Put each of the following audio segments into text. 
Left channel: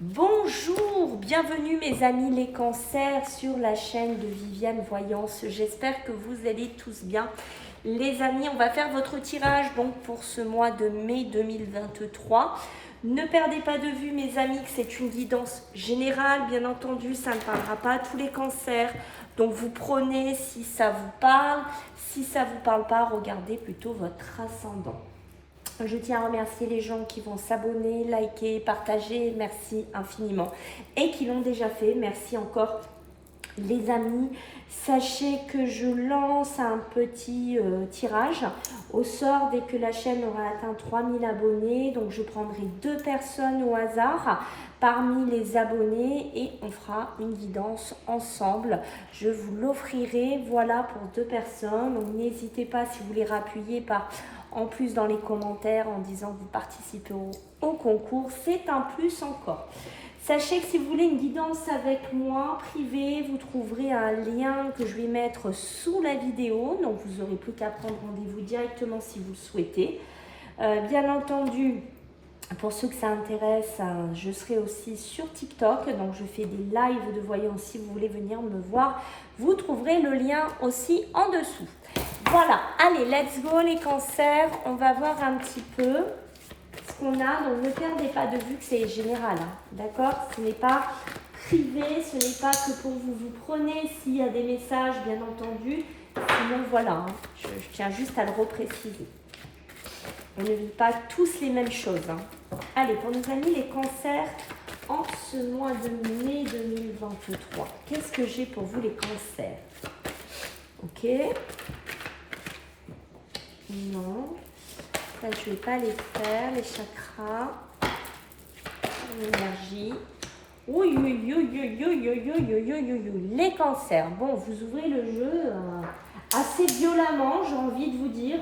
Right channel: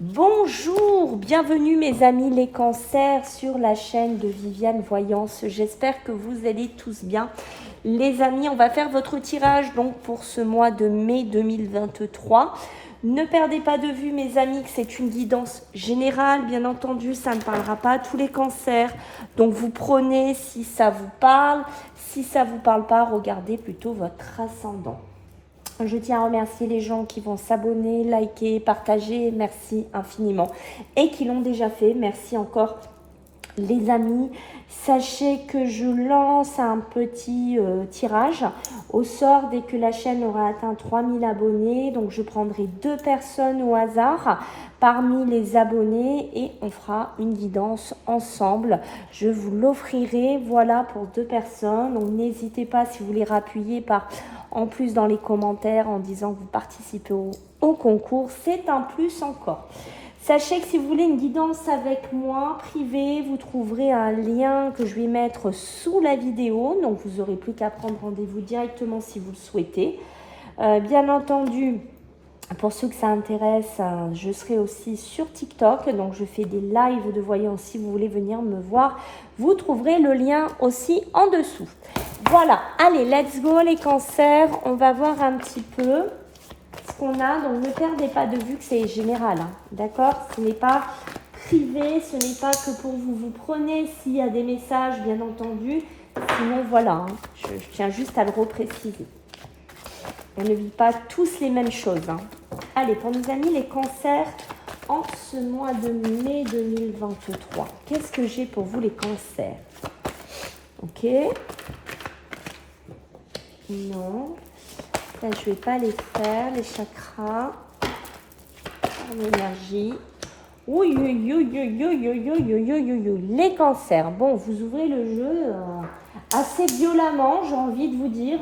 Bonjour, bienvenue mes amis les cancers sur la chaîne de Viviane Voyance. J'espère que vous allez tous bien. Les amis, on va faire votre tirage donc pour ce mois de mai 2023. Ne perdez pas de vue mes amis que c'est une guidance générale, bien entendu, ça ne parlera pas à tous les cancers. Donc vous prenez si ça vous parle, si ça ne vous parle pas, regardez plutôt votre ascendant. Je tiens à remercier les gens qui vont s'abonner, liker, partager, merci infiniment. Et qui l'ont déjà fait, merci encore les amis. Sachez que je lance un petit tirage au sort dès que la chaîne aura atteint 3000 abonnés. Donc je prendrai 2 personnes au hasard parmi les abonnés et on fera une guidance ensemble. Je vous l'offrirai, voilà, pour 2 personnes. Donc n'hésitez pas si vous voulez rappuyer par en plus dans les commentaires en disant que vous participez au concours, c'est un plus encore. Sachez que si vous voulez une guidance avec moi privée, vous trouverez un lien que je vais mettre sous la vidéo. Donc vous n'aurez plus qu'à prendre rendez-vous directement si vous le souhaitez. Bien entendu, pour ceux que ça intéresse, je serai aussi sur TikTok. Donc je fais des lives de voyance si vous voulez venir me voir. Vous trouverez le lien aussi en dessous. Voilà, allez, let's go les cancers. On va voir un petit peu ce qu'on a. Donc ne perdez pas de vue que c'est général, hein, d'accord? Ce n'est pas privé, ce n'est pas que pour vous. Vous prenez s'il y a des messages, bien entendu. Sinon, voilà, hein, je tiens juste à le repréciser. On ne vit pas tous les mêmes choses. Hein. Allez, pour nos amis les cancers, en ce mois de mai 2023, qu'est-ce que j'ai pour vous les cancers? Ok. Non. Là, je ne vais pas les faire, les chakras, l'énergie. Oui, oui, oui, oui, oui, oui, oui, oui, oui, oui. Les cancers. Bon, vous ouvrez le jeu assez violemment, j'ai envie de vous dire.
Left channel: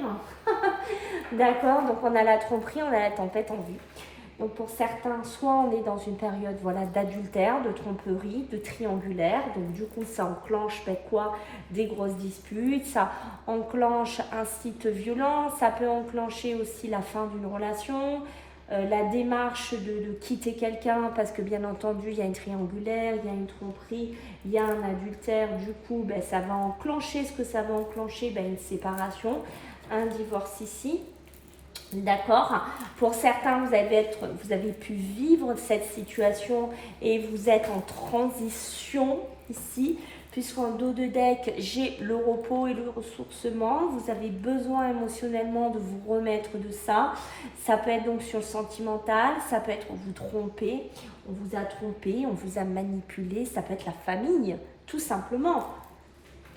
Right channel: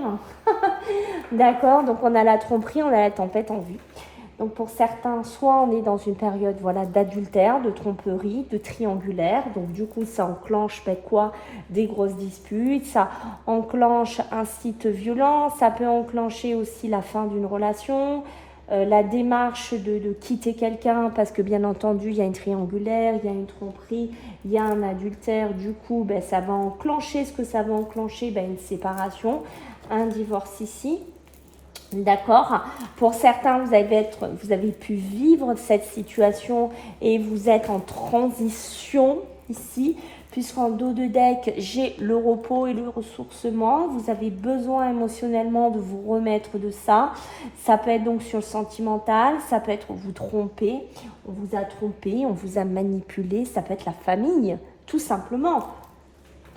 D'accord, donc on a la tromperie, on a la tempête en vue. Donc pour certains, soit on est dans une période voilà, d'adultère, de tromperie, de triangulaire. Donc du coup, ça enclenche quoi? Des grosses disputes, ça enclenche un site violent, ça peut enclencher aussi la fin d'une relation, la démarche de quitter quelqu'un parce que bien entendu, il y a une triangulaire, il y a une tromperie, il y a un adultère. Du coup, ben, ça va enclencher ce que ça va enclencher, ben, une séparation, un divorce ici. D'accord. Pour certains, vous avez pu vivre cette situation et vous êtes en transition ici, puisqu'en dos de deck, j'ai le repos et le ressourcement. Vous avez besoin émotionnellement de vous remettre de ça. Ça peut être donc sur le sentimental, ça peut être vous tromper, on vous a trompé, on vous a manipulé, ça peut être la famille, tout simplement.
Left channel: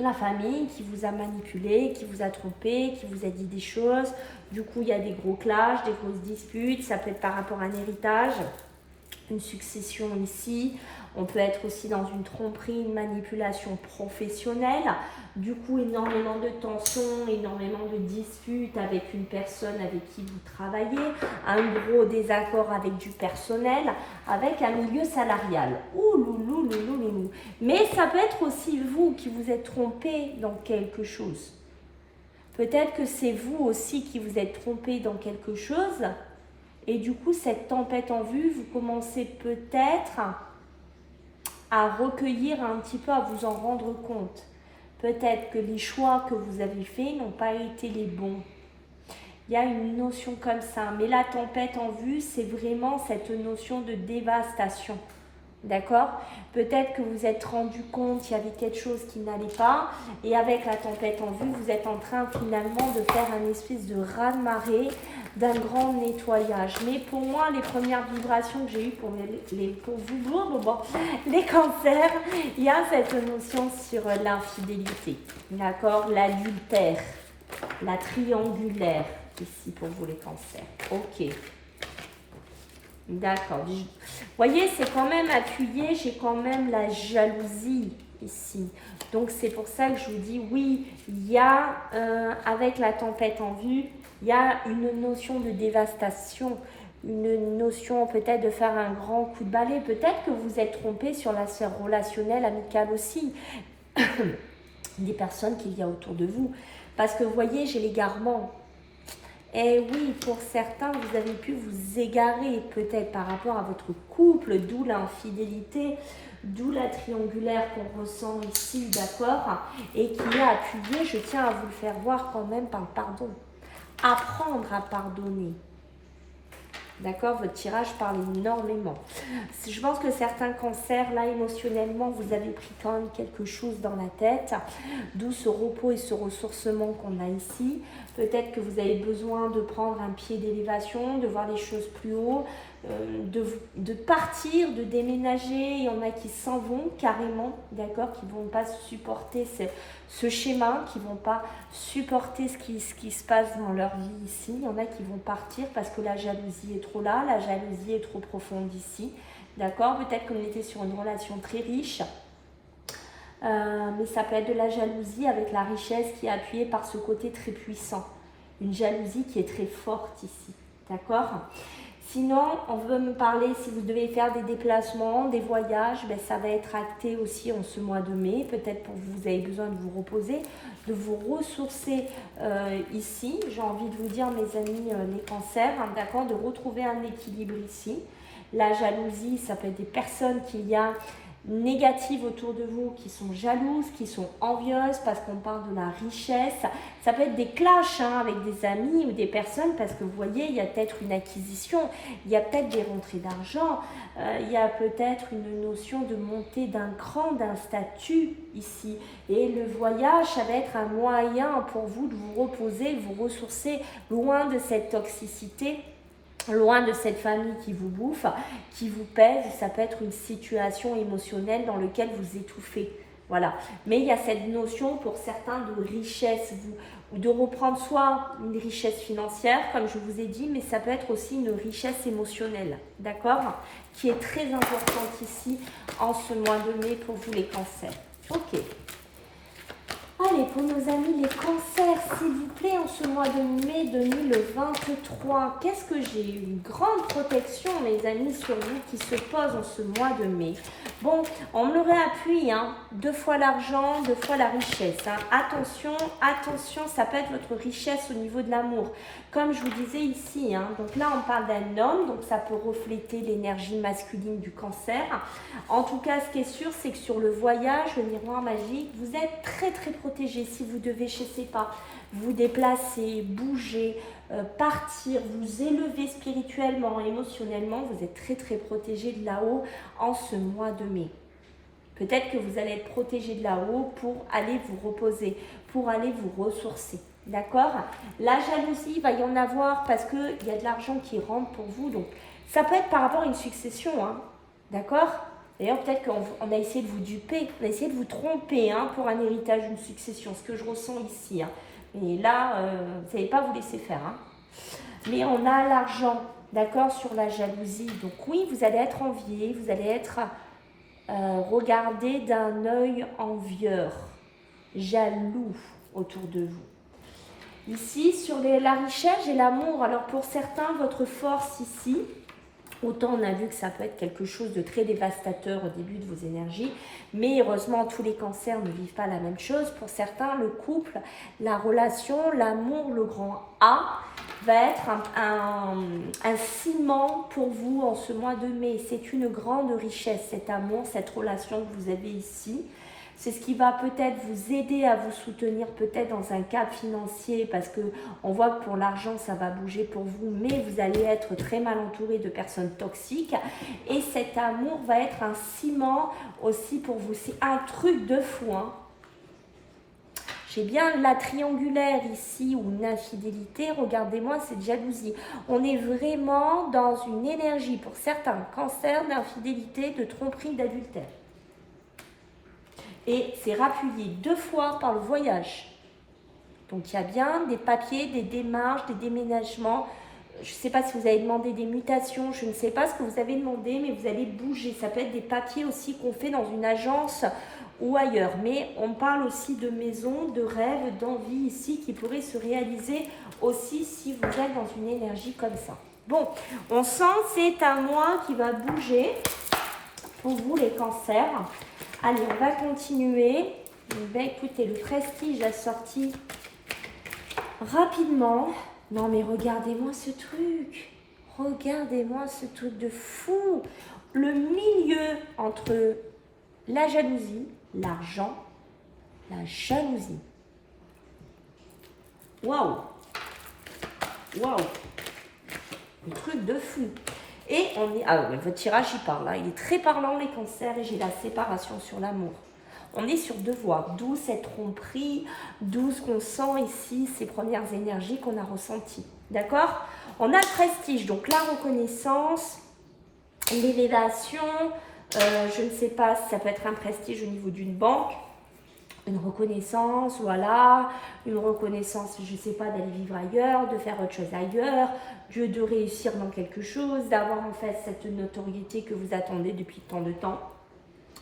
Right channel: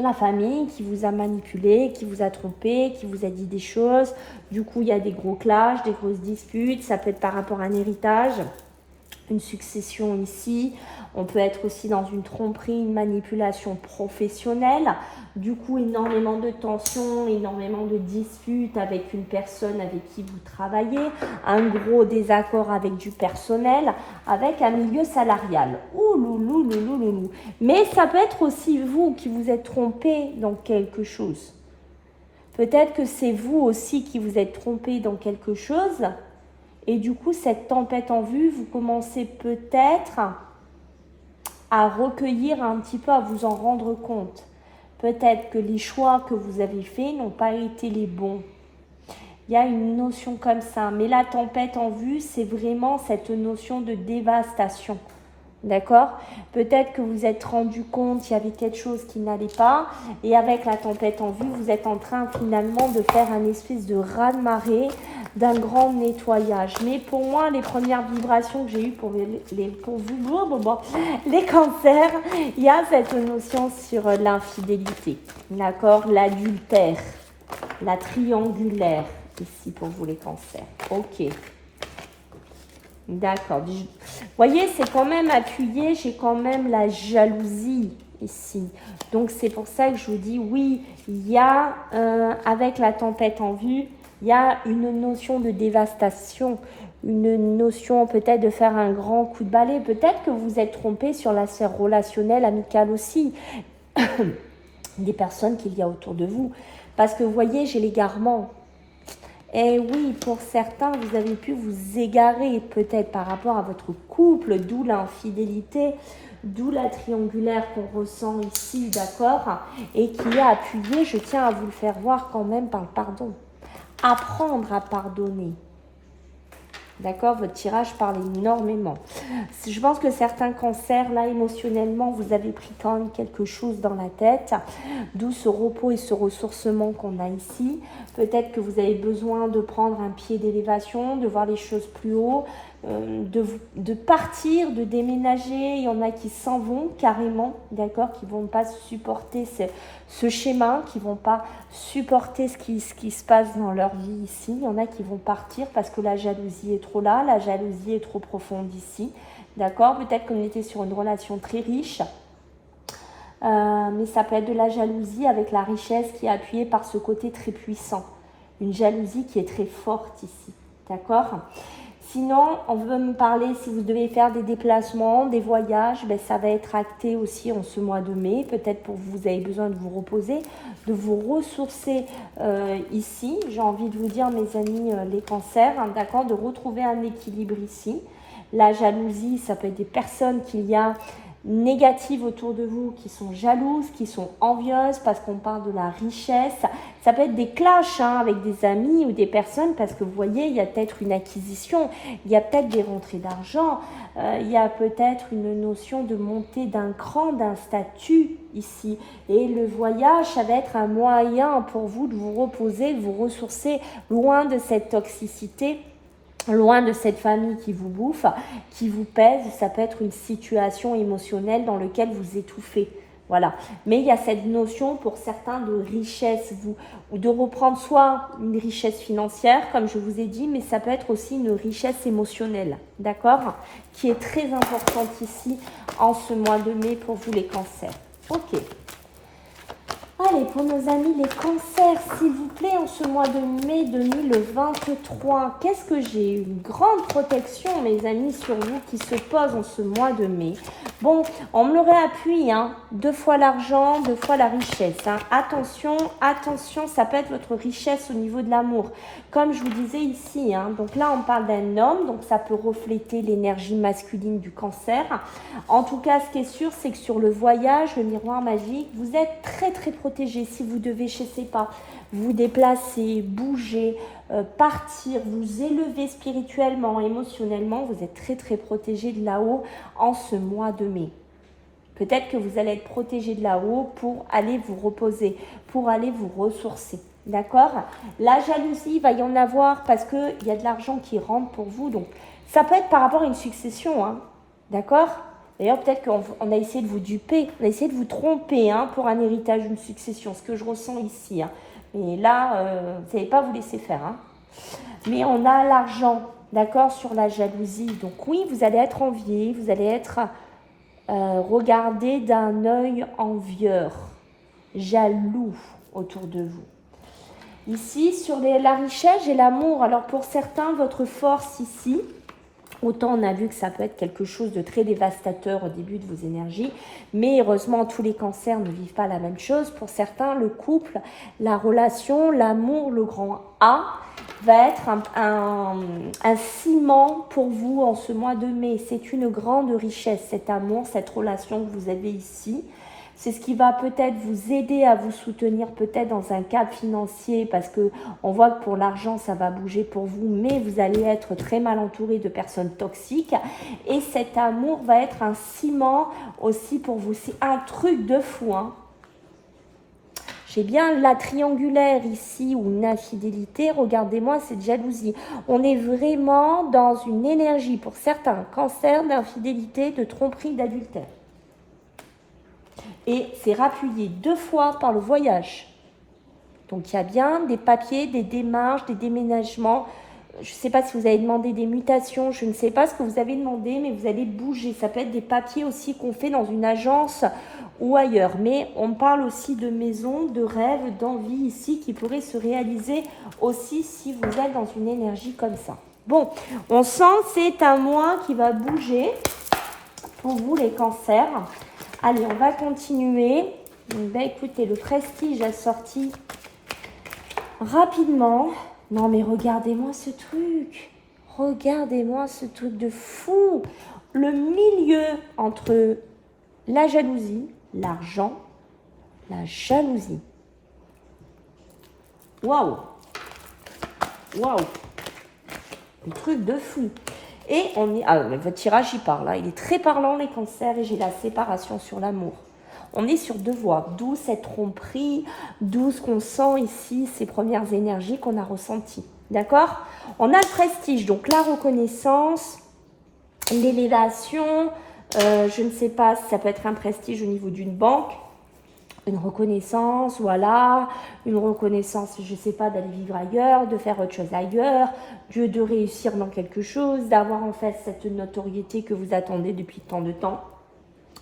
La famille qui vous a manipulé, qui vous a trompé, qui vous a dit des choses. Du coup, il y a des gros clashs, des grosses disputes. Ça peut être par rapport à un héritage, une succession ici. On peut être aussi dans une tromperie, une manipulation professionnelle. Du coup, énormément de tensions, énormément de disputes avec une personne avec qui vous travaillez. Un gros désaccord avec du personnel, avec un milieu salarial. Ouh, loulou, loulou, loulou. Mais ça peut être aussi vous qui vous êtes trompé dans quelque chose. Peut-être que c'est vous aussi qui vous êtes trompé dans quelque chose. Et du coup, cette tempête en vue, vous commencez peut-être à recueillir un petit peu, à vous en rendre compte. Peut-être que les choix que vous avez faits n'ont pas été les bons. Il y a une notion comme ça. Mais la tempête en vue, c'est vraiment cette notion de dévastation. D'accord? Peut-être que vous êtes rendu compte qu'il y avait quelque chose qui n'allait pas. Et avec la tempête en vue, vous êtes en train finalement de faire un espèce de raz-de-marée, d'un grand nettoyage. Mais pour moi, les premières vibrations que j'ai eues pour vous, les cancers, il y a cette notion sur l'infidélité. D'accord? L'adultère, la triangulaire, ici pour vous les cancers. Ok. D'accord. Vous voyez, c'est quand même appuyé, j'ai quand même la jalousie ici. Donc, c'est pour ça que je vous dis, oui, il y a, avec la tempête en vue, il y a une notion de dévastation, une notion peut-être de faire un grand coup de balai. Peut-être que vous êtes trompé sur la sphère relationnelle, amicale aussi, des personnes qu'il y a autour de vous. Parce que, vous voyez, j'ai l'égarement. Et oui, pour certains, vous avez pu vous égarer peut-être par rapport à votre couple, d'où l'infidélité, d'où la triangulaire qu'on ressent ici, d'accord? Et qui a appuyé, je tiens à vous le faire voir quand même par le pardon. Apprendre à pardonner. D'accord, votre tirage parle énormément. Je pense que certains cancers, là, émotionnellement, vous avez pris quand même quelque chose dans la tête, d'où ce repos et ce ressourcement qu'on a ici. Peut-être que vous avez besoin de prendre un pied d'élévation, de voir les choses plus haut, de partir, de déménager. Il y en a qui s'en vont carrément, d'accord, qui ne vont pas supporter ce schéma, qui ne vont pas supporter ce qui se passe dans leur vie ici. Il y en a qui vont partir parce que la jalousie est trop là, la jalousie est trop profonde ici, d'accord. Peut-être qu'on était sur une relation très riche, mais ça peut être de la jalousie avec la richesse qui est appuyée par ce côté très puissant. Une jalousie qui est très forte ici, d'accord. Sinon, on veut me parler, si vous devez faire des déplacements, des voyages, ben ça va être acté aussi en ce mois de mai. Peut-être pour vous avez besoin de vous reposer, de vous ressourcer ici. J'ai envie de vous dire, mes amis, les cancers, hein, d'accord, de retrouver un équilibre ici. La jalousie, ça peut être des personnes qu'il y a négatives autour de vous, qui sont jalouses, qui sont envieuses parce qu'on parle de la richesse. Ça peut être des clashs hein, avec des amis ou des personnes parce que vous voyez, il y a peut-être une acquisition, il y a peut-être des rentrées d'argent, il y a peut-être une notion de montée d'un cran, d'un statut ici. Et le voyage, ça va être un moyen pour vous de vous reposer, de vous ressourcer loin de cette toxicité, loin de cette famille qui vous bouffe, qui vous pèse. Ça peut être une situation émotionnelle dans laquelle vous étouffez. Voilà. Mais il y a cette notion pour certains de richesse, ou de reprendre soit une richesse financière, comme je vous ai dit, mais ça peut être aussi une richesse émotionnelle, d'accord, qui est très importante ici en ce mois de mai pour vous les cancers. Ok. Allez, pour nos amis les cancers, s'il vous plaît, en ce mois de mai 2023, qu'est-ce que j'ai? Une grande protection, mes amis, sur vous qui se pose en ce mois de mai. Bon, on me le réappuie, hein, 2 fois l'argent, 2 fois la richesse. Hein. Attention, attention, ça peut être votre richesse au niveau de l'amour. Comme je vous disais ici, hein, donc là, on parle d'un homme, donc ça peut refléter l'énergie masculine du cancer. En tout cas, ce qui est sûr, c'est que sur le voyage, le miroir magique, vous êtes très, très protégé. Si vous devez, je ne sais pas, vous déplacer, bouger, partir, vous élever spirituellement, émotionnellement, vous êtes très, très protégé de là-haut en ce mois de mai. Peut-être que vous allez être protégé de là-haut pour aller vous reposer, pour aller vous ressourcer. D'accord? La jalousie, il va y en avoir parce qu'il y a de l'argent qui rentre pour vous. Donc, ça peut être par rapport à une succession. Hein. D'accord? D'ailleurs, peut-être qu'on a essayé de vous duper, on a essayé de vous tromper hein, pour un héritage, une succession. Ce que je ressens ici. Hein. Et là, vous n'allez pas vous laisser faire. Hein. Mais on a l'argent, d'accord, sur la jalousie. Donc oui, vous allez être envié, vous allez être regardé d'un œil envieur, jaloux autour de vous. Ici, sur la richesse et l'amour, alors pour certains, votre force ici, autant on a vu que ça peut être quelque chose de très dévastateur au début de vos énergies, mais heureusement tous les cancers ne vivent pas la même chose. Pour certains, le couple, la relation, l'amour, le grand A, va être un ciment pour vous en ce mois de mai. C'est une grande richesse, cet amour, cette relation que vous avez ici. C'est ce qui va peut-être vous aider à vous soutenir peut-être dans un cadre financier parce que on voit que pour l'argent, ça va bouger pour vous, mais vous allez être très mal entouré de personnes toxiques. Et cet amour va être un ciment aussi pour vous. C'est un truc de fou, hein. J'ai bien la triangulaire ici ou une infidélité. Regardez-moi cette jalousie. On est vraiment dans une énergie pour certains cancers d'infidélité, de tromperie, d'adultère. Et c'est rappuyé 2 fois par le voyage. Donc il y a bien des papiers, des démarches, des déménagements. Je ne sais pas si vous avez demandé des mutations, je ne sais pas ce que vous avez demandé, mais vous allez bouger. Ça peut être des papiers aussi qu'on fait dans une agence ou ailleurs. Mais on parle aussi de maisons, de rêves, d'envies ici qui pourraient se réaliser aussi si vous êtes dans une énergie comme ça. Bon, on sent que c'est un mois qui va bouger pour vous les cancers. Allez, on va continuer. Ben, écoutez, le prestige a sorti rapidement. Non, mais regardez-moi ce truc. Regardez-moi ce truc de fou. Le milieu entre la jalousie, l'argent, la jalousie. Waouh. Waouh. Un truc de fou. Et on est... Ah, mais votre tirage, il parle. Hein. Il est très parlant, les cancers, et j'ai la séparation sur l'amour. On est sur deux voies, d'où cette tromperie, d'où ce qu'on sent ici, ces premières énergies qu'on a ressenties. D'accord? On a le prestige, donc la reconnaissance, l'élévation, je ne sais pas si ça peut être un prestige au niveau d'une banque, une reconnaissance, voilà, une reconnaissance, je ne sais pas, d'aller vivre ailleurs, de faire autre chose ailleurs, de réussir dans quelque chose, d'avoir en fait cette notoriété que vous attendez depuis tant de temps.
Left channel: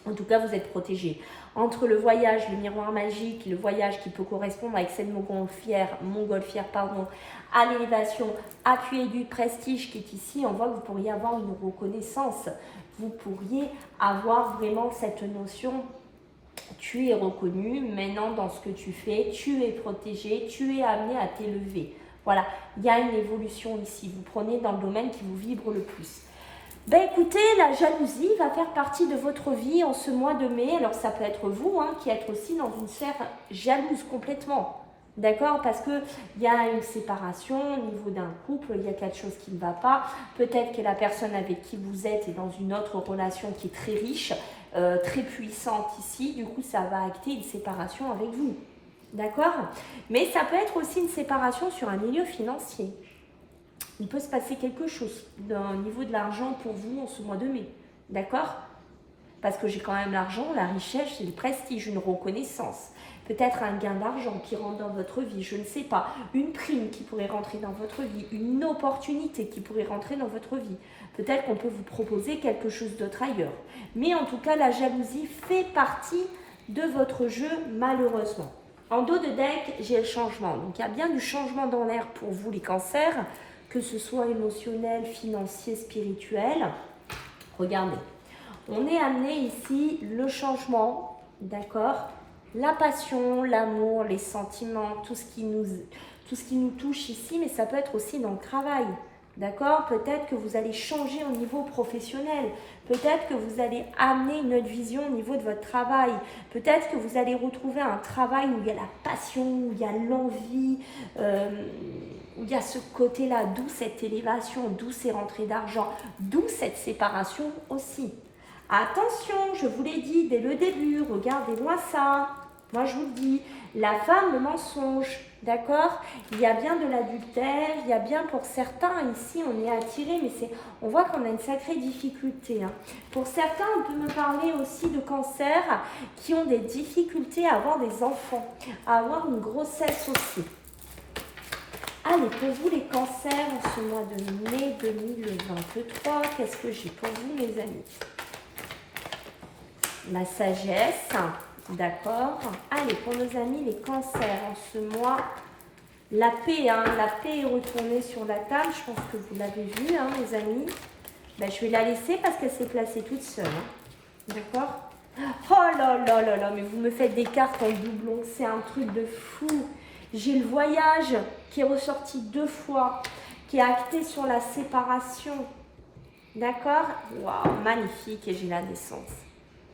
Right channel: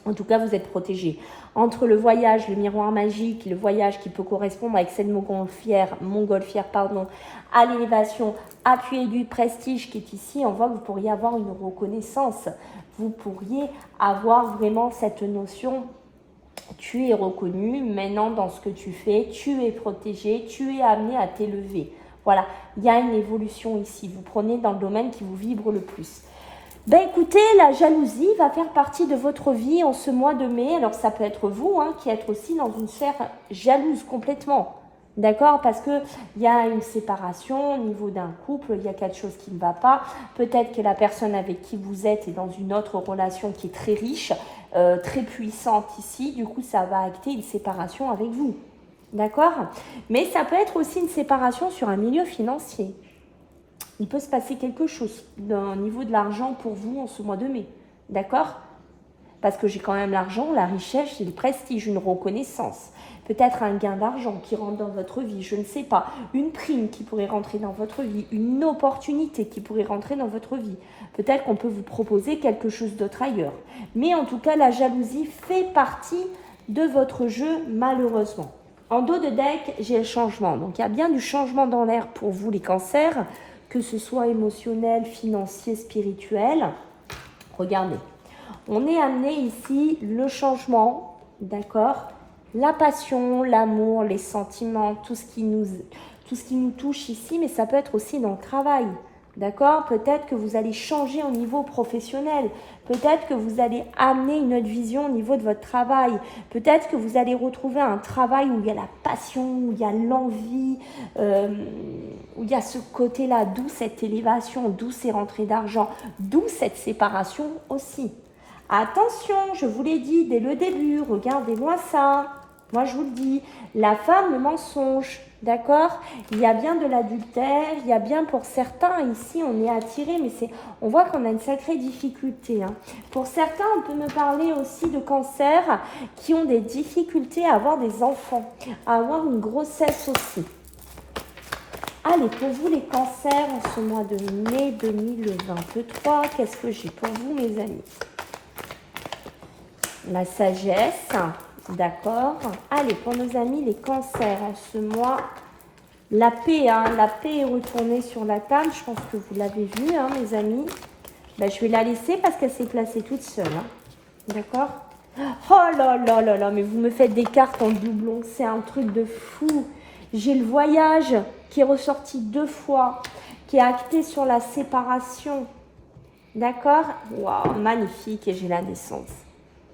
En tout cas, vous êtes protégé. Entre le voyage, le miroir magique, le voyage qui peut correspondre avec cette montgolfière, à l'élévation, appuyée du prestige qui est ici, on voit que vous pourriez avoir une reconnaissance. Vous pourriez avoir vraiment cette notion, tu es reconnu, maintenant dans ce que tu fais, tu es protégé, tu es amené à t'élever. Voilà, il y a une évolution ici. Vous prenez dans le domaine qui vous vibre le plus. Ben écoutez, la jalousie va faire partie de votre vie en ce mois de mai. Alors ça peut être vous qui êtes aussi dans une sphère jalouse complètement. D'accord? Parce qu'il y a une séparation au niveau d'un couple, il y a quelque chose qui ne va pas. Peut-être que la personne avec qui vous êtes est dans une autre relation qui est très riche, très puissante ici. Du coup, ça va acter une séparation avec vous. D'accord? Mais ça peut être aussi une séparation sur un milieu financier. Il peut se passer quelque chose au niveau de l'argent pour vous en ce mois de mai. D'accord? Parce que j'ai quand même l'argent, la richesse, j'ai le prestige, une reconnaissance. Peut-être un gain d'argent qui rentre dans votre vie, je ne sais pas. Une prime qui pourrait rentrer dans votre vie. Une opportunité qui pourrait rentrer dans votre vie. Peut-être qu'on peut vous proposer quelque chose d'autre ailleurs. Mais en tout cas, la jalousie fait partie de votre jeu, malheureusement. En dos de deck, j'ai le changement. Donc, il y a bien du changement dans l'air pour vous, les cancers, que ce soit émotionnel, financier, spirituel. Regardez, on est amené ici le changement, d'accord? La passion, l'amour, les sentiments, tout ce qui nous touche ici, mais ça peut être aussi dans le travail. D'accord? Peut-être que vous allez changer au niveau professionnel. Peut-être que vous allez amener une autre vision au niveau de votre travail. Peut-être que vous allez retrouver un travail où il y a la passion, où il y a l'envie, où il y a ce côté-là, d'où cette élévation, d'où ces rentrées d'argent, d'où cette séparation aussi. Attention, je vous l'ai dit dès le début, regardez-moi ça. Moi, je vous le dis, la femme, le mensonge, d'accord? Il y a bien de l'adultère, il y a bien pour certains, ici, on est attiré, mais on voit qu'on a une sacrée difficulté. Pour certains, on peut me parler aussi de cancers qui ont des difficultés à avoir des enfants, à avoir une grossesse aussi. Allez, pour vous, les cancers, en ce mois de mai 2023, qu'est-ce que j'ai pour vous, mes amis? La sagesse. D'accord. Allez, pour nos amis, les cancers en ce mois, la paix, la paix est retournée sur la table. Je pense que vous l'avez vu, les amis. Ben, je vais la laisser parce qu'elle s'est placée toute seule. D'accord? Oh là là là là, mais vous me faites des cartes en doublon. C'est un truc de fou. J'ai le voyage qui est ressorti 2 fois, qui est acté sur la séparation. D'accord? Waouh, magnifique. Et j'ai la naissance.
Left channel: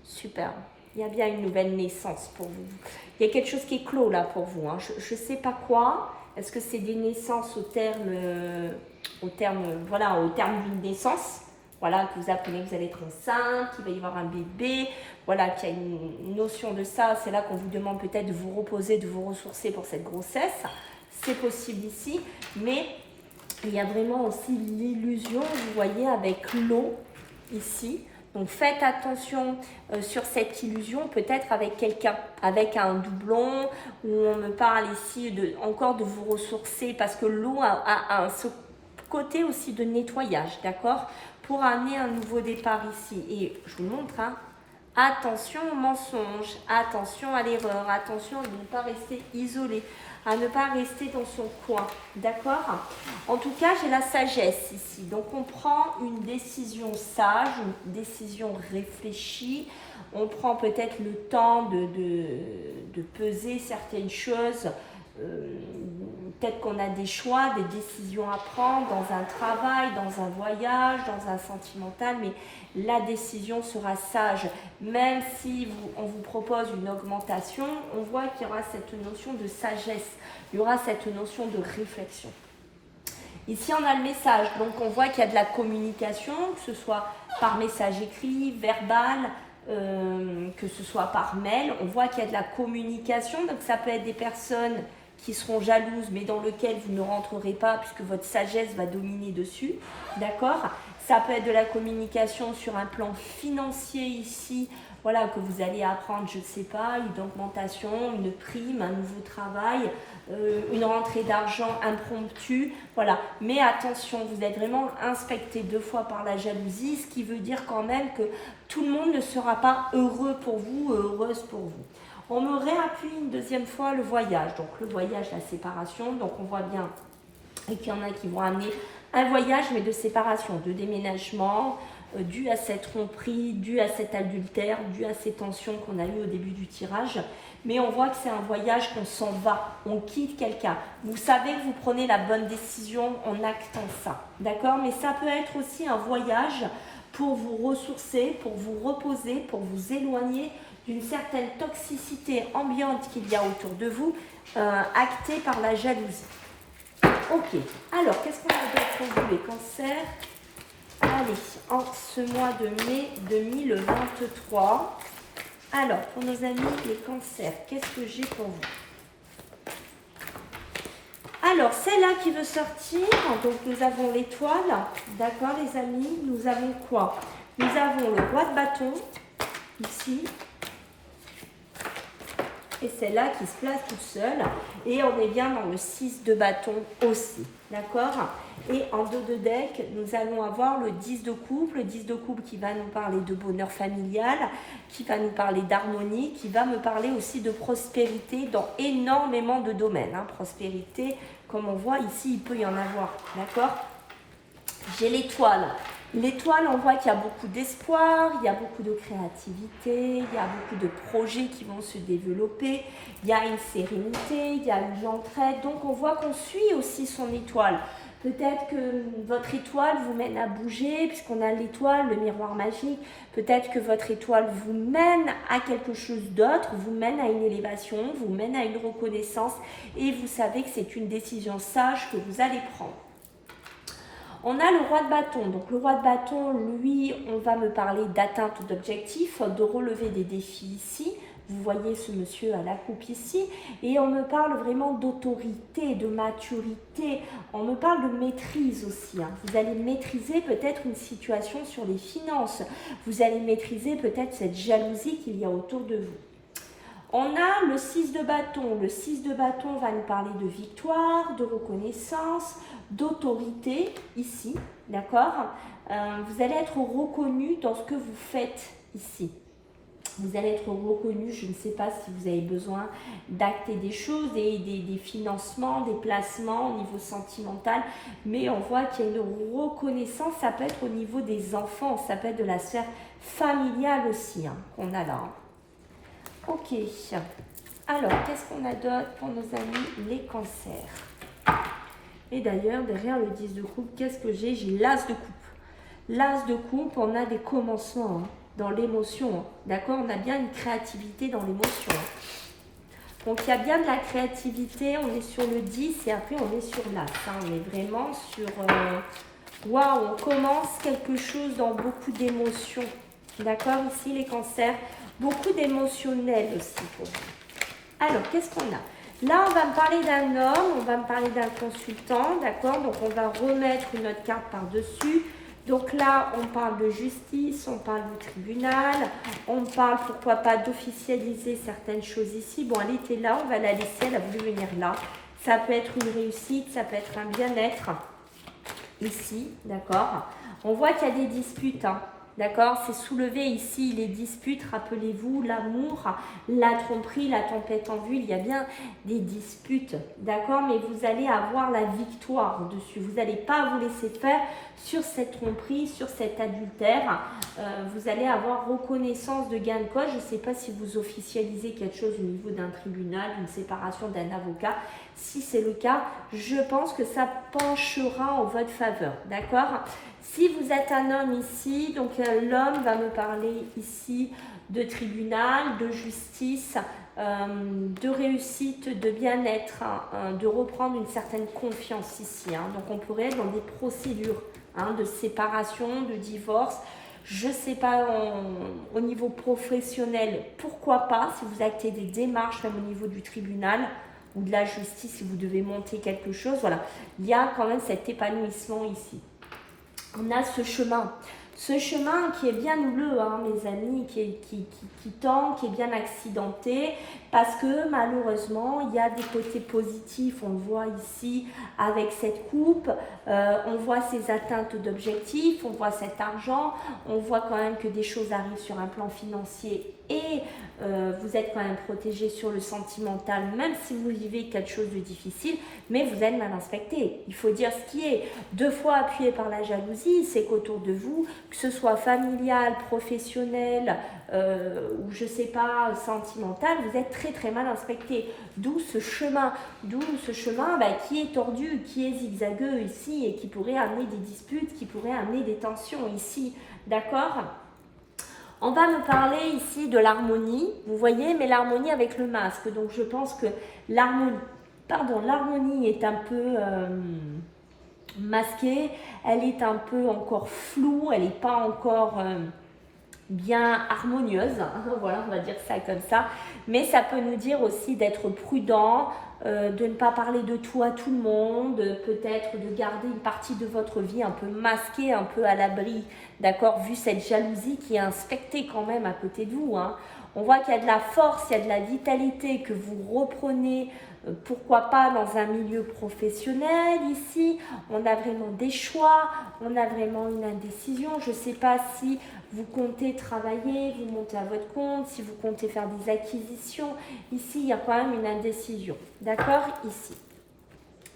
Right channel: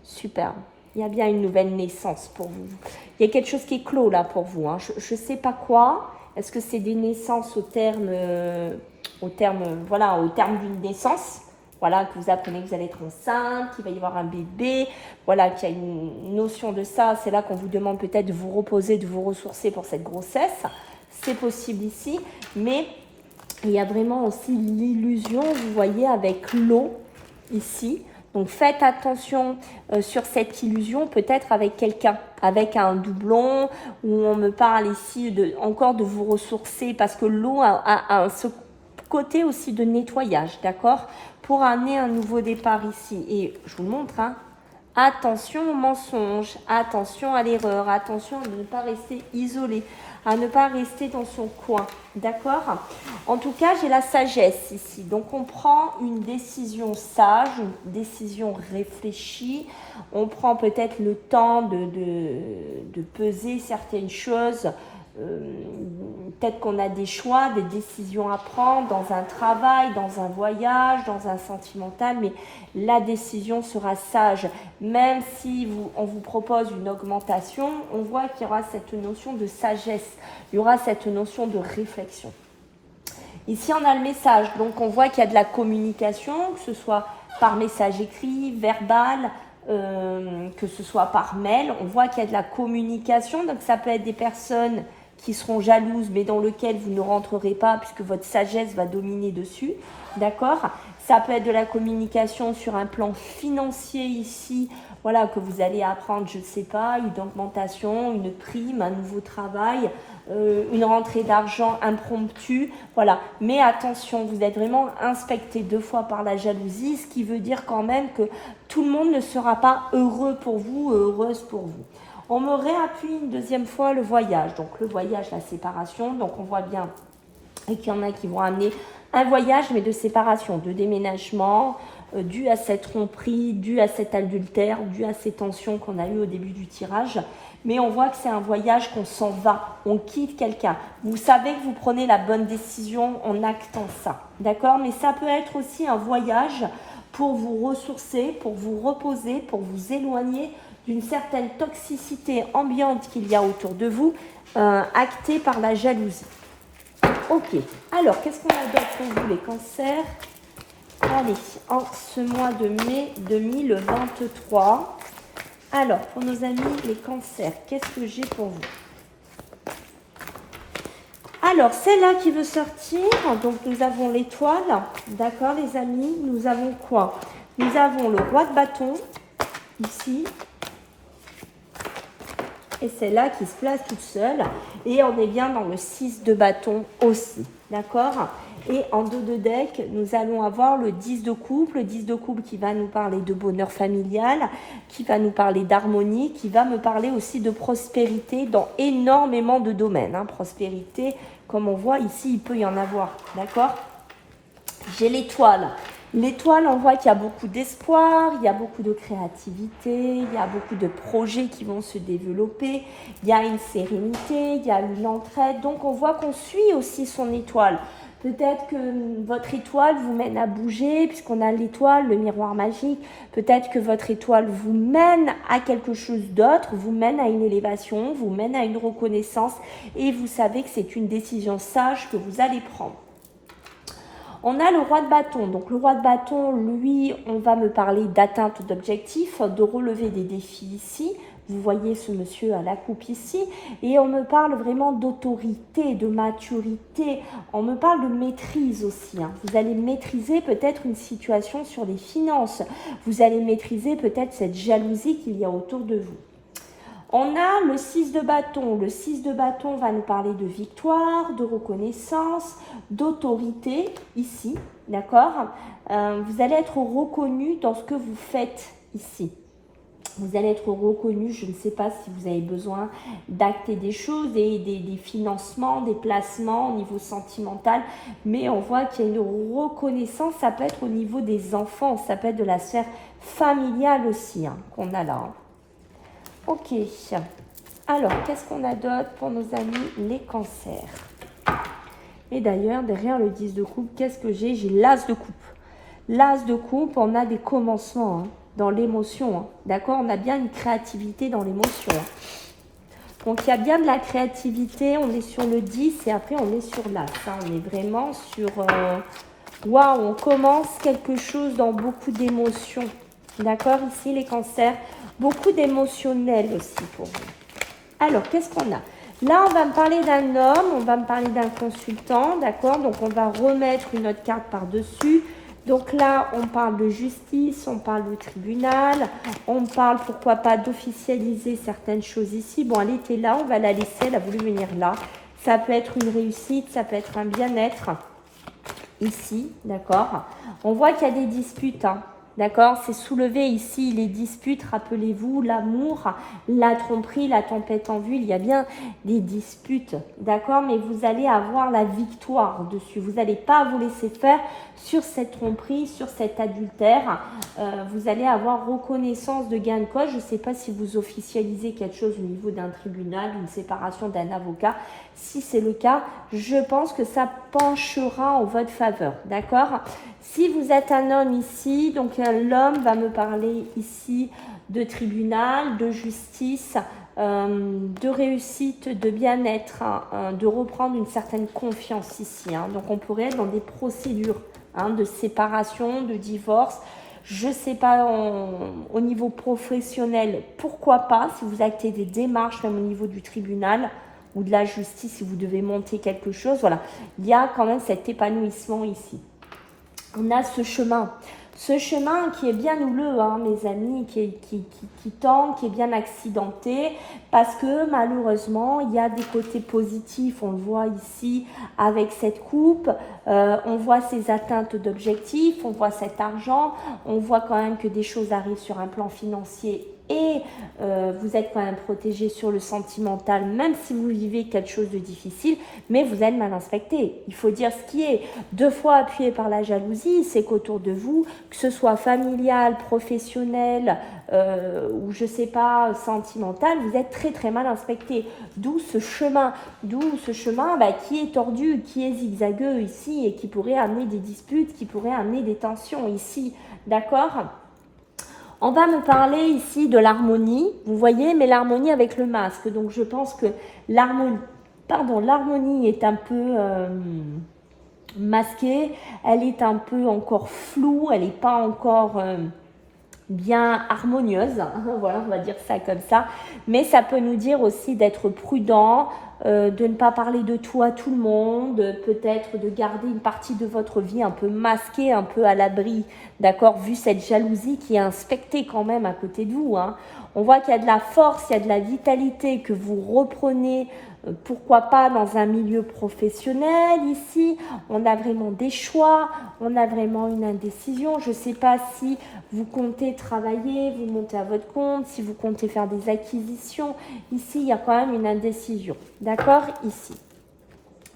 Superbe. Il y a bien une nouvelle naissance pour vous. Il y a quelque chose qui est clos là pour vous. Je ne sais pas quoi. Est-ce que c'est des naissances au terme d'une naissance? Voilà, que vous apprenez que vous allez être enceinte, qu'il va y avoir un bébé. Voilà, qu'il y a une notion de ça. C'est là qu'on vous demande peut-être de vous reposer, de vous ressourcer pour cette grossesse. C'est possible ici. Mais il y a vraiment aussi l'illusion, vous voyez, avec l'eau ici. Donc faites attention sur cette illusion, peut-être avec quelqu'un, avec un doublon, où on me parle ici encore de vous ressourcer, parce que l'eau a ce côté aussi de nettoyage, d'accord? Pour amener un nouveau départ ici. Et je vous montre, attention au mensonge, attention à l'erreur, attention à ne pas rester isolé, à ne pas rester dans son coin, d'accord? En tout cas, j'ai la sagesse ici. Donc, on prend une décision sage, une décision réfléchie. On prend peut-être le temps de peser certaines choses peut-être qu'on a des choix, des décisions à prendre dans un travail, dans un voyage, dans un sentimental, mais la décision sera sage. Même si on vous propose une augmentation, on voit qu'il y aura cette notion de sagesse, il y aura cette notion de réflexion. Ici, on a le message, donc on voit qu'il y a de la communication, que ce soit par message écrit, verbal, que ce soit par mail. On voit qu'il y a de la communication, donc ça peut être des personnes qui seront jalouses, mais dans lequel vous ne rentrerez pas puisque votre sagesse va dominer dessus, d'accord? Ça peut être de la communication sur un plan financier ici, voilà, que vous allez apprendre, je ne sais pas, une augmentation, une prime, un nouveau travail, une rentrée d'argent impromptue, voilà. Mais attention, vous êtes vraiment inspecté 2 fois par la jalousie, ce qui veut dire quand même que tout le monde ne sera pas heureux pour vous, heureuse pour vous. On me réappuie une 2e fois le voyage, donc le voyage, la séparation, donc on voit bien et qu'il y en a qui vont amener un voyage mais de séparation, de déménagement, dû à cette tromperie, dû à cet adultère, dû à ces tensions qu'on a eues au début du tirage. Mais on voit que c'est un voyage qu'on s'en va, on quitte quelqu'un. Vous savez que vous prenez la bonne décision en actant ça, d'accord? Mais ça peut être aussi un voyage pour vous ressourcer, pour vous reposer, pour vous éloigner d'une certaine toxicité ambiante qu'il y a autour de vous, actée par la jalousie. Ok, alors qu'est-ce qu'on a d'autre pour vous les cancers? Allez, en ce mois de mai 2023. Alors, pour nos amis les cancers, qu'est-ce que j'ai pour vous? Alors, c'est là qui veut sortir. Donc, nous avons l'étoile. D'accord, les amis? Nous avons quoi? Nous avons le roi de bâton, ici. Et c'est là qui se place toute seule. Et on est bien dans le 6 de bâton aussi. D'accord? Et en 2 de deck, nous allons avoir le 10 de coupe. Le 10 de coupe qui va nous parler de bonheur familial, qui va nous parler d'harmonie, qui va me parler aussi de prospérité dans énormément de domaines. Hein. Prospérité, comme on voit ici, il peut y en avoir. D'accord? J'ai l'étoile. L'étoile, on voit qu'il y a beaucoup d'espoir, il y a beaucoup de créativité, il y a beaucoup de projets qui vont se développer, il y a une sérénité, il y a une entraide. Donc, on voit qu'on suit aussi son étoile. Peut-être que votre étoile vous mène à bouger, puisqu'on a l'étoile, le miroir magique. Peut-être que votre étoile vous mène à quelque chose d'autre, vous mène à une élévation, vous mène à une reconnaissance. Et vous savez que c'est une décision sage que vous allez prendre. On a le roi de bâton. Donc le roi de bâton, lui, on va me parler d'atteinte d'objectifs, de relever des défis ici. Vous voyez ce monsieur à la coupe ici. Et on me parle vraiment d'autorité, de maturité. On me parle de maîtrise aussi. Hein. Vous allez maîtriser peut-être une situation sur les finances. Vous allez maîtriser peut-être cette jalousie qu'il y a autour de vous. On a le 6 de bâton. Le 6 de bâton va nous parler de victoire, de reconnaissance, d'autorité, ici, d'accord? Vous allez être reconnu dans ce que vous faites ici. Vous allez être reconnu, je ne sais pas si vous avez besoin d'acter des choses, des financements, des placements au niveau sentimental, mais on voit qu'il y a une reconnaissance, ça peut être au niveau des enfants, ça peut être de la sphère familiale aussi, hein, qu'on a là. Ok, alors qu'est-ce qu'on a d'autre pour nos amis les cancers? Et d'ailleurs, derrière le 10 de coupe, qu'est-ce que j'ai? J'ai l'as de coupe. L'as de coupe, on a des commencements hein, dans l'émotion. Hein, d'accord? On a bien une créativité dans l'émotion. Hein. Donc, il y a bien de la créativité. On est sur le 10 et après, on est sur l'as. Hein, on est vraiment sur... Waouh, on commence quelque chose dans beaucoup d'émotions. D'accord? Ici, les cancers, beaucoup d'émotionnel aussi pour vous. Alors, qu'est-ce qu'on a? Là, on va me parler d'un homme, on va me parler d'un consultant, d'accord? Donc, on va remettre une autre carte par-dessus. Donc là, on parle de justice, on parle de tribunal, on parle, pourquoi pas, d'officialiser certaines choses ici. Bon, elle était là, on va la laisser, elle a voulu venir là. Ça peut être une réussite, ça peut être un bien-être, ici, d'accord? On voit qu'il y a des disputes, hein. D'accord? C'est soulever ici les disputes, rappelez-vous, l'amour, la tromperie, la tempête en vue. Il y a bien des disputes, d'accord? Mais vous allez avoir la victoire dessus. Vous n'allez pas vous laisser faire sur cette tromperie, sur cet adultère. Vous allez avoir reconnaissance de gain de cause. Je ne sais pas si vous officialisez quelque chose au niveau d'un tribunal, d'une séparation d'un avocat. Si c'est le cas, je pense que ça penchera en votre faveur, d'accord? Si vous êtes un homme ici, donc l'homme va me parler ici de tribunal, de justice, de réussite, de bien-être, de reprendre une certaine confiance ici. Donc on pourrait être dans des procédures de séparation, de divorce. Je ne sais pas au niveau professionnel, pourquoi pas, si vous actez des démarches même au niveau du tribunal ou de la justice, si vous devez monter quelque chose, voilà. Il y a quand même cet épanouissement ici. On a ce chemin qui est bien houleux, mes amis, qui tend, qui est bien accidenté, parce que malheureusement, il y a des côtés positifs, on le voit ici avec cette coupe, on voit ces atteintes d'objectifs, on voit cet argent, on voit quand même que des choses arrivent sur un plan financier et vous êtes quand même protégé sur le sentimental, même si vous vivez quelque chose de difficile, mais vous êtes mal inspecté. Il faut dire ce qui est. Deux fois appuyé par la jalousie, c'est qu'autour de vous, que ce soit familial, professionnel, ou je sais pas, sentimental, vous êtes très très mal inspecté. D'où ce chemin qui est tordu, qui est zigzagueux ici et qui pourrait amener des disputes, qui pourrait amener des tensions ici. D'accord ? On va me parler ici de l'harmonie, vous voyez, mais l'harmonie avec le masque. Donc je pense que l'harmonie est un peu masquée, elle est un peu encore floue, elle n'est pas encore bien harmonieuse, voilà, on va dire ça comme ça, mais ça peut nous dire aussi d'être prudent, de ne pas parler de tout à tout le monde, peut-être de garder une partie de votre vie un peu masquée, un peu à l'abri, d'accord, vu cette jalousie qui est inspectée quand même à côté de vous. On voit qu'il y a de la force, il y a de la vitalité que vous reprenez, pourquoi pas dans un milieu professionnel ici, on a vraiment des choix, on a vraiment une indécision. Je ne sais pas si vous comptez travailler, vous montez à votre compte, si vous comptez faire des acquisitions. Ici, il y a quand même une indécision. D'accord? Ici.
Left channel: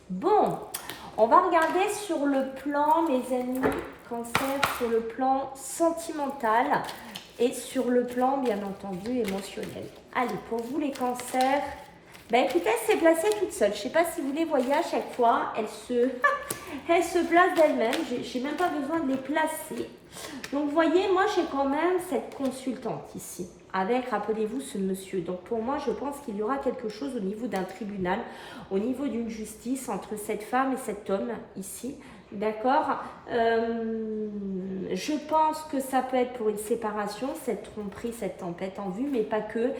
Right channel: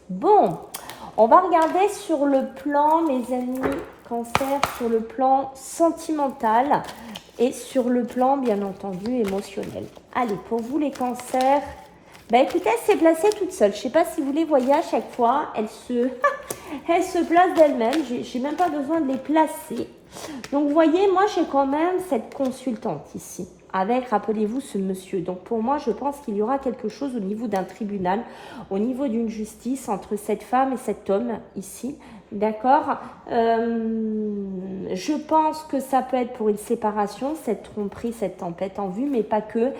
Bon, on va regarder sur le plan, mes amis, cancer, sur le plan sentimental et sur le plan, bien entendu, émotionnel. Allez, pour vous les cancers, écoutez, elle s'est placée toute seule. Je ne sais pas si vous les voyez à chaque fois, elle se place d'elle-même. Je n'ai même pas besoin de les placer. Donc, vous voyez, moi, j'ai quand même cette consultante ici, avec, rappelez-vous, ce monsieur. Donc, pour moi, je pense qu'il y aura quelque chose au niveau d'un tribunal, au niveau d'une justice entre cette femme et cet homme ici. D'accord, je pense que ça peut être pour une séparation, cette tromperie, cette tempête en vue, mais pas que.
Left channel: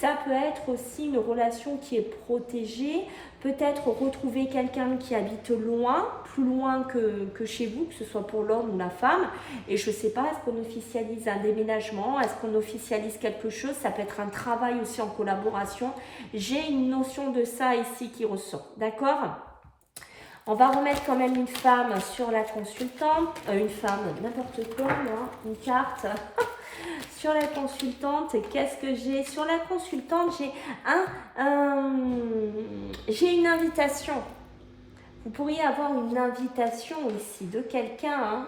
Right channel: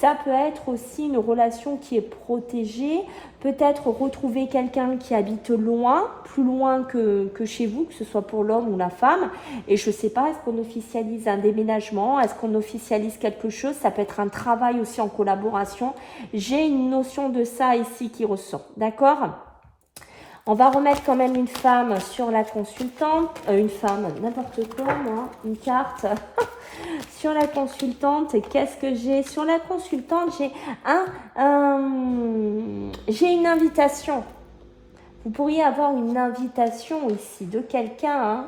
Ça peut être aussi une relation qui est protégée, peut-être retrouver quelqu'un qui habite loin, plus loin que chez vous, que ce soit pour l'homme ou la femme. Et je ne sais pas, est-ce qu'on officialise un déménagement, est-ce qu'on officialise quelque chose, ça peut être un travail aussi en collaboration. J'ai une notion de ça ici qui ressort, d'accord ? On va remettre quand même une femme sur la consultante, une femme, n'importe quoi, moi, une carte. Sur la consultante, qu'est-ce que j'ai? Sur la consultante, j'ai une invitation. Vous pourriez avoir une invitation ici de quelqu'un,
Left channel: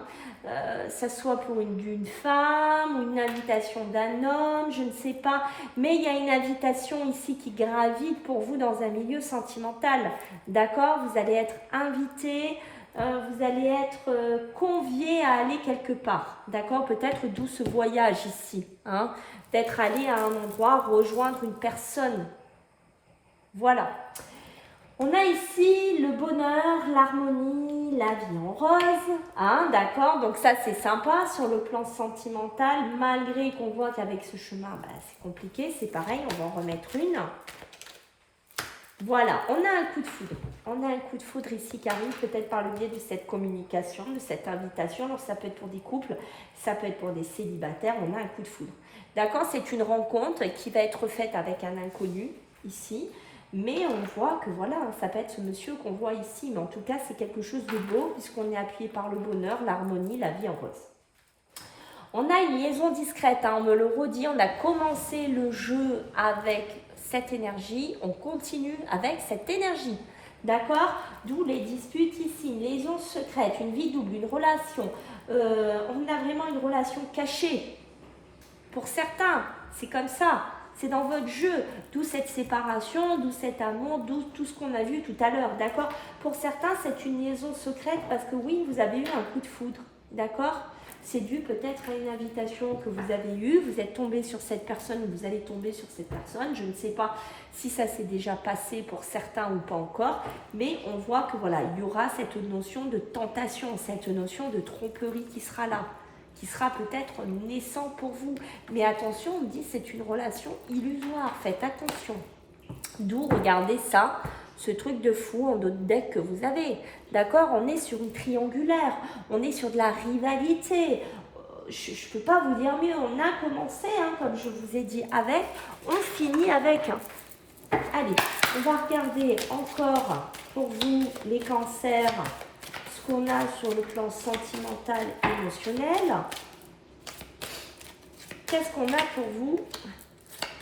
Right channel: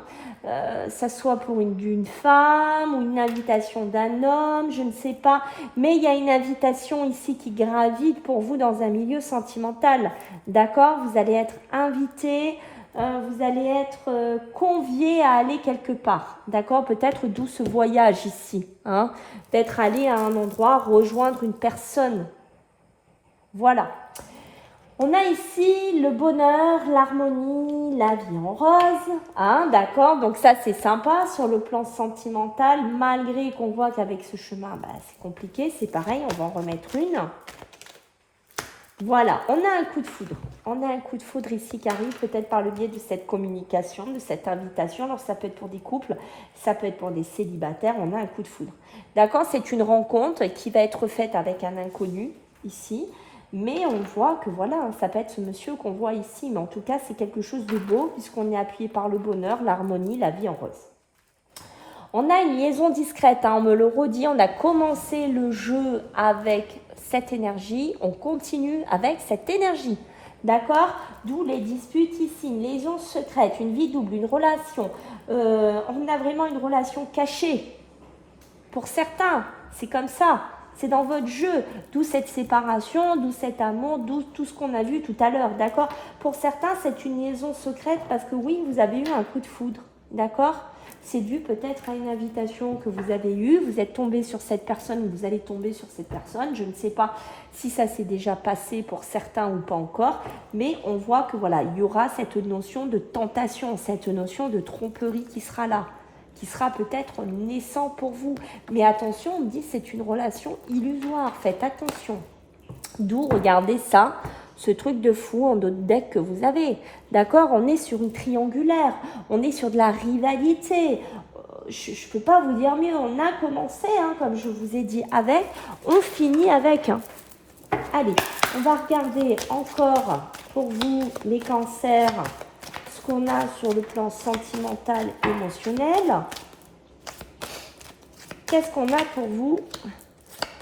ça soit pour d'une femme ou une invitation d'un homme, je ne sais pas. Mais il y a une invitation ici qui gravite pour vous dans un milieu sentimental. D'accord? Vous allez être invité, vous allez être convié à aller quelque part. D'accord? Peut-être d'où ce voyage ici. Peut-être aller à un endroit, rejoindre une personne. Voilà. On a ici le bonheur, l'harmonie, la vie en rose, d'accord? Donc ça c'est sympa sur le plan sentimental, malgré qu'on voit qu'avec ce chemin, c'est compliqué, c'est pareil, on va en remettre une. Voilà, on a un coup de foudre. On a un coup de foudre ici qui arrive peut-être par le biais de cette communication, de cette invitation. Alors ça peut être pour des couples, ça peut être pour des célibataires, on a un coup de foudre. D'accord? C'est une rencontre qui va être faite avec un inconnu ici. Mais on voit que voilà, ça peut être ce monsieur qu'on voit ici. Mais en tout cas, c'est quelque chose de beau puisqu'on est appuyé par le bonheur, l'harmonie, la vie en rose. On a une liaison discrète, hein, on me le redit, on a commencé le jeu avec cette énergie, on continue avec cette énergie. D'accord? D'où les disputes ici, une liaison secrète, une vie double, une relation. On a vraiment une relation cachée. Pour certains, c'est comme ça. C'est dans votre jeu, d'où cette séparation, d'où cet amour, d'où tout ce qu'on a vu tout à l'heure, d'accord? Pour certains, c'est une liaison secrète parce que oui, vous avez eu un coup de foudre, d'accord? C'est dû peut-être à une invitation que vous avez eue, vous êtes tombé sur cette personne ou vous allez tomber sur cette personne. Je ne sais pas si ça s'est déjà passé pour certains ou pas encore, mais on voit que voilà, il y aura cette notion de tentation, cette notion de tromperie qui sera là, qui sera peut-être naissant pour vous. Mais attention, on me dit c'est une relation illusoire, faites attention. D'où, regardez ça, ce truc de fou en d'autres decks que vous avez. D'accord? On est sur une triangulaire, on est sur de la rivalité. Je ne peux pas vous dire mieux, on a commencé, hein, comme je vous ai dit, avec, on finit avec. Hein. Allez, on va regarder encore pour vous les cancers, ce qu'on a sur le plan sentimental, émotionnel. Qu'est-ce qu'on a pour vous?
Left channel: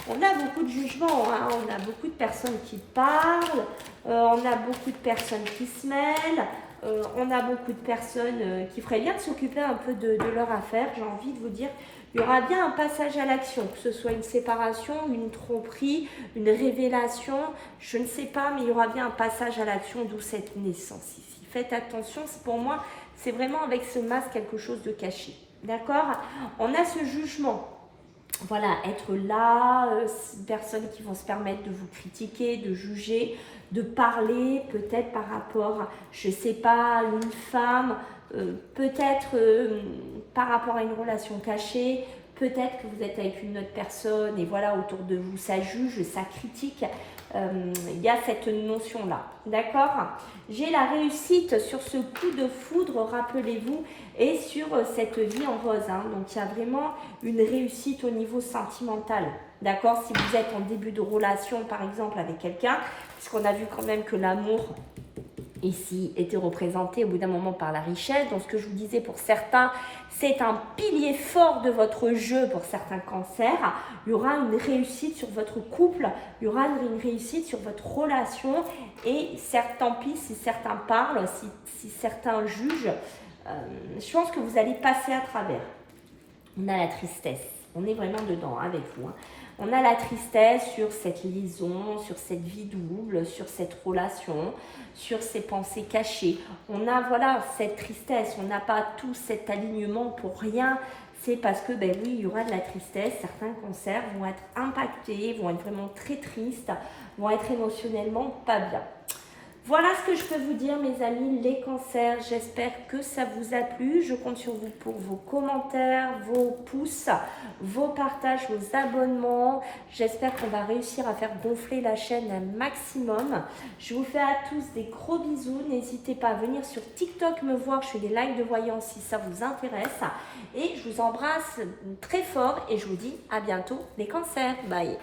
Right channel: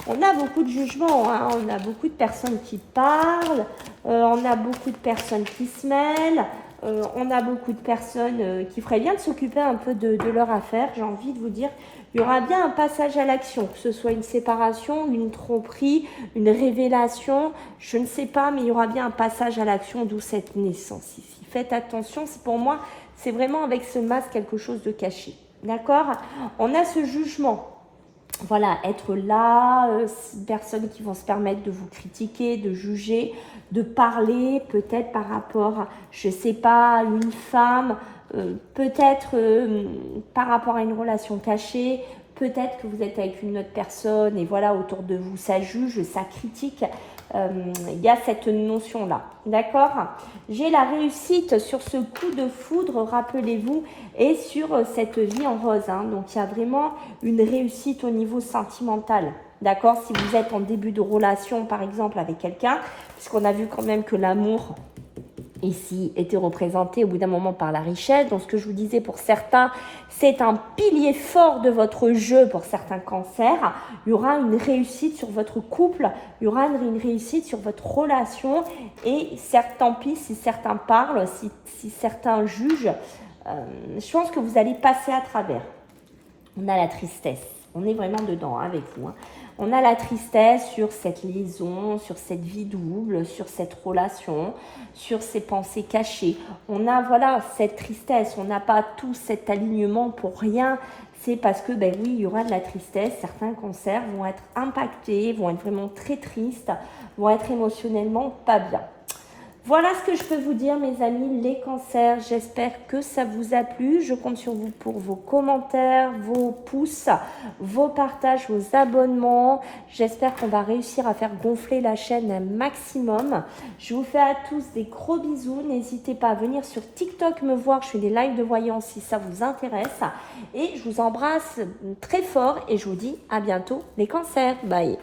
On a beaucoup de jugements, hein. On a beaucoup de personnes qui parlent, on a beaucoup de personnes qui se mêlent, on a beaucoup de personnes qui feraient bien de s'occuper un peu de leur affaire. J'ai envie de vous dire, il y aura bien un passage à l'action, que ce soit une séparation, une tromperie, une révélation, je ne sais pas, mais il y aura bien un passage à l'action, d'où cette naissance ici. Faites attention, pour moi, c'est vraiment avec ce masque quelque chose de caché. D'accord? On a ce jugement. Voilà, être là, personnes qui vont se permettre de vous critiquer, de juger, de parler peut-être par rapport à, je ne sais pas, une femme, peut-être par rapport à une relation cachée, peut-être que vous êtes avec une autre personne et voilà, autour de vous, ça juge, ça critique. Il y a cette notion-là, d'accord? J'ai la réussite sur ce coup de foudre, rappelez-vous, et sur cette vie en rose. Hein. Donc, il y a vraiment une réussite au niveau sentimental, d'accord? Si vous êtes en début de relation, par exemple, avec quelqu'un, puisqu'on a vu quand même que l'amour ici était représenté au bout d'un moment par la richesse. Donc, ce que je vous disais pour certains, c'est un pilier fort de votre jeu pour certains cancers. Il y aura une réussite sur votre couple, il y aura une réussite sur votre relation. Et certes, tant pis si certains parlent, si certains jugent, je pense que vous allez passer à travers. On a la tristesse. On est vraiment dedans avec vous. Hein. On a la tristesse sur cette liaison, sur cette vie double, sur cette relation, sur ces pensées cachées. On a voilà cette tristesse, on n'a pas tout cet alignement pour rien. C'est parce que, ben oui, il y aura de la tristesse. Certains cancers vont être impactés, vont être vraiment très tristes, vont être émotionnellement pas bien. Voilà ce que je peux vous dire, mes amis, les cancers. J'espère que ça vous a plu. Je compte sur vous pour vos commentaires, vos pouces, vos partages, vos abonnements. J'espère qu'on va réussir à faire gonfler la chaîne un maximum. Je vous fais à tous des gros bisous. N'hésitez pas à venir sur TikTok me voir. Je fais des lives de voyance si ça vous intéresse. Et je vous embrasse très fort et je vous dis à bientôt, les cancers. Bye.